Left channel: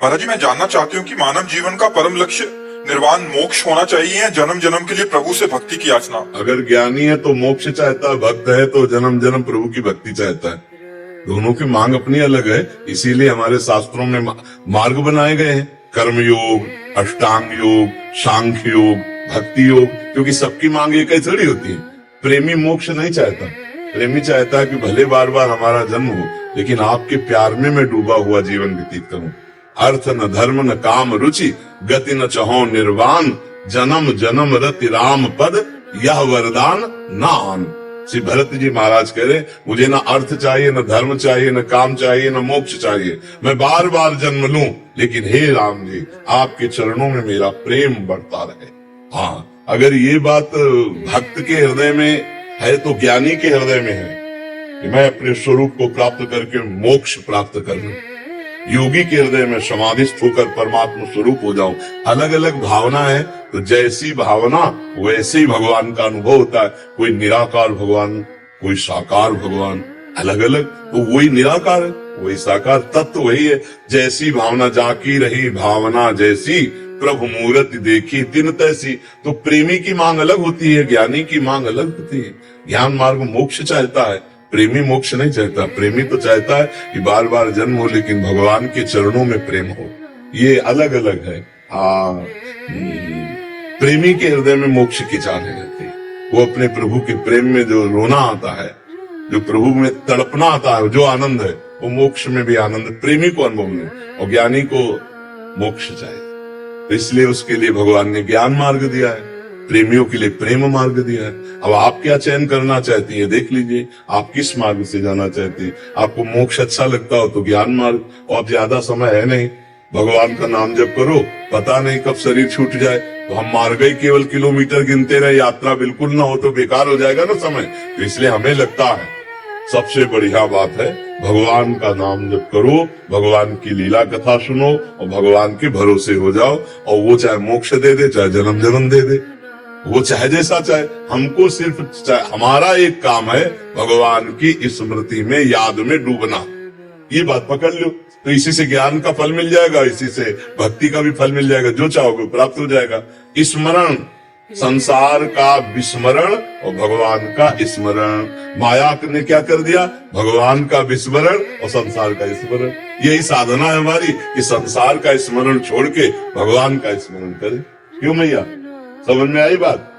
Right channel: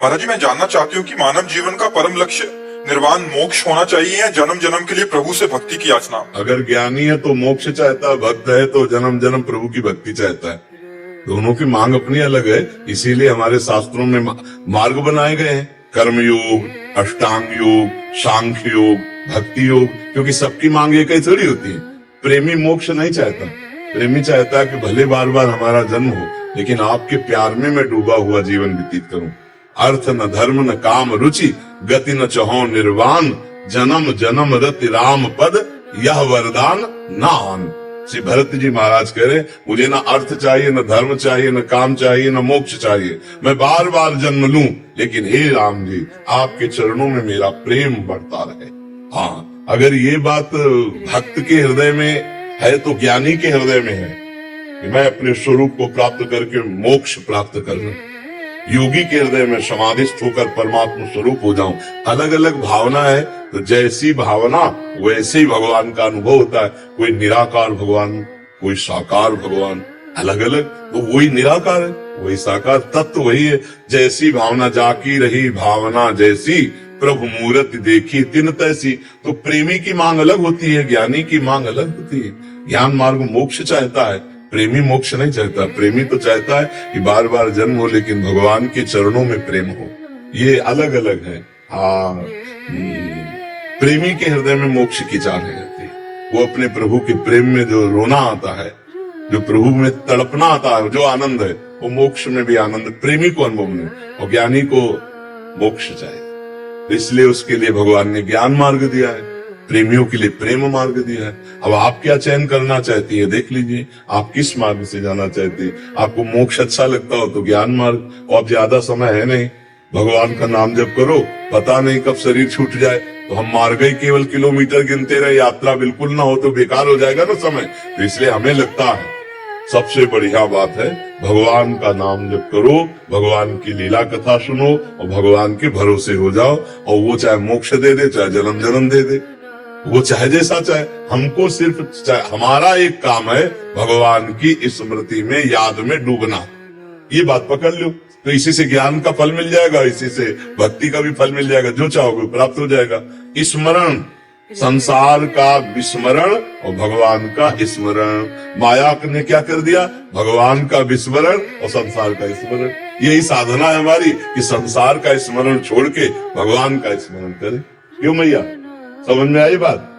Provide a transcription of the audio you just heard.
बालाजी, मैं जानना चाहती हूँ कि मानव जीवन का परम लक्ष्य निर्वाण मोक्ष होना चाहिए या जन्म जन्म के लिए प्रभु से भक्ति की याचना? अगर ज्ञानी है तो मोक्ष चाहता है, भक्त है तो जन्म जन्म प्रभु की भक्ति चाहता है। दोनों की मांग अपनी अलग है, इसीलिए हमारे शास्त्रों में मार्ग बनाए गए हैं, कर्म योग, अष्टांग योग, सांख्य योग, भक्ति योग, क्योंकि सबकी मांग एक ही थोड़ी होती है। प्रेमी मोक्ष नहीं चाहता, प्रेमी चाहता है कि भले बार बार हमारा जन्म हो, लेकिन आपके प्यार में मैं डूबा हुआ जीवन व्यतीत करूं। अर्थ न धर्म न काम रुचि, गति न चहो निर्वाण, जन्म जन्म रति राम पद, यह वरदान नान। श्री भरत जी महाराज कह रहे, मुझे न अर्थ चाहिए, न धर्म चाहिए, न काम चाहिए, न मोक्ष चाहिए, मैं बार बार जन्म लूं, लेकिन हे राम जी, आपके चरणों में मेरा प्रेम बढ़ता रहे। हाँ, अगर ये बात भक्त के हृदय में है तो ज्ञानी के हृदय में है कि मैं अपने स्वरूप को प्राप्त करके मोक्ष प्राप्त कर लूं। योगी के हृदय में समाधिस्थ होकर परमात्मा स्वरूप हो जाऊं। अलग अलग भावना है, तो जैसी भावना वैसे ही भगवान का अनुभव होता है। कोई निराकार भगवान, कोई साकार भगवान, अलग अलग, तो वही निराकार है, वही साकार, तत्व वही है। जैसी भावना जाकी रही भावना जैसी, प्रभु मूर्ति देखी तिन तैसी। तो प्रेमी की मांग अलग होती है, ज्ञानी की मांग अलग होती है। ज्ञान मार्ग मोक्ष चाहता है, प्रेमी मोक्ष नहीं चाहता। प्रेमी तो चाहता है कि बार बार जन्म हो, लेकिन भगवान के चरणों में प्रेम हो। ये अलग अलग है। हाँ, प्रेमी के हृदय में मोक्ष की चाह नहीं रहती। वो अपने प्रभु के प्रेम में जो रोना आता है, जो प्रभु में तड़पना आता है, जो आनंद है, वो मोक्ष में भी आनंद प्रेमी को अनुभव नहीं, और ज्ञानी को मोक्ष चाहिए। इसलिए उसके लिए भगवान ने ज्ञान मार्ग दिया है, प्रेमियों के लिए प्रेम मार्ग दिया है। अब आप क्या चयन करना चाहती है, देख लीजिए, आप किस मार्ग से जाना चाहते हैं। आपको मोक्ष अच्छा लगता हो तो ज्ञान मार्ग, और ज्यादा समय है नहीं, भगवान का नाम जप करो, पता नहीं कब शरीर छूट जाए। तो हम मार गए, केवल किलोमीटर गिनते रहे, यात्रा बिल्कुल ना हो तो बेकार हो जाएगा ना समय। तो इसलिए हमें लगता है सबसे बढ़िया बात है भगवान का नाम जप करो, भगवान की लीला कथा सुनो, और भगवान के भरोसे हो जाओ। और वो चाहे मोक्ष दे दे, चाहे जन्म जन्म दे दे, वो चाहे जैसा चाहे। हमको सिर्फ हमारा एक काम है, भगवान की स्मृति में, याद में डूबना। ये बात पकड़ लो, तो इसी से ज्ञान का फल मिल जाएगा, इसी से भक्ति का भी फल मिल जाएगा। जो चाहोगे प्राप्त हो जाएगा। स्मरण, संसार का विस्मरण और भगवान का स्मरण। माया ने क्या कर दिया, भगवान का विस्मरण और संसार का स्मरण। यही साधना है हमारी कि संसार का स्मरण छोड़ के भगवान का स्मरण करें। क्यों मैया, समझ में आई बात?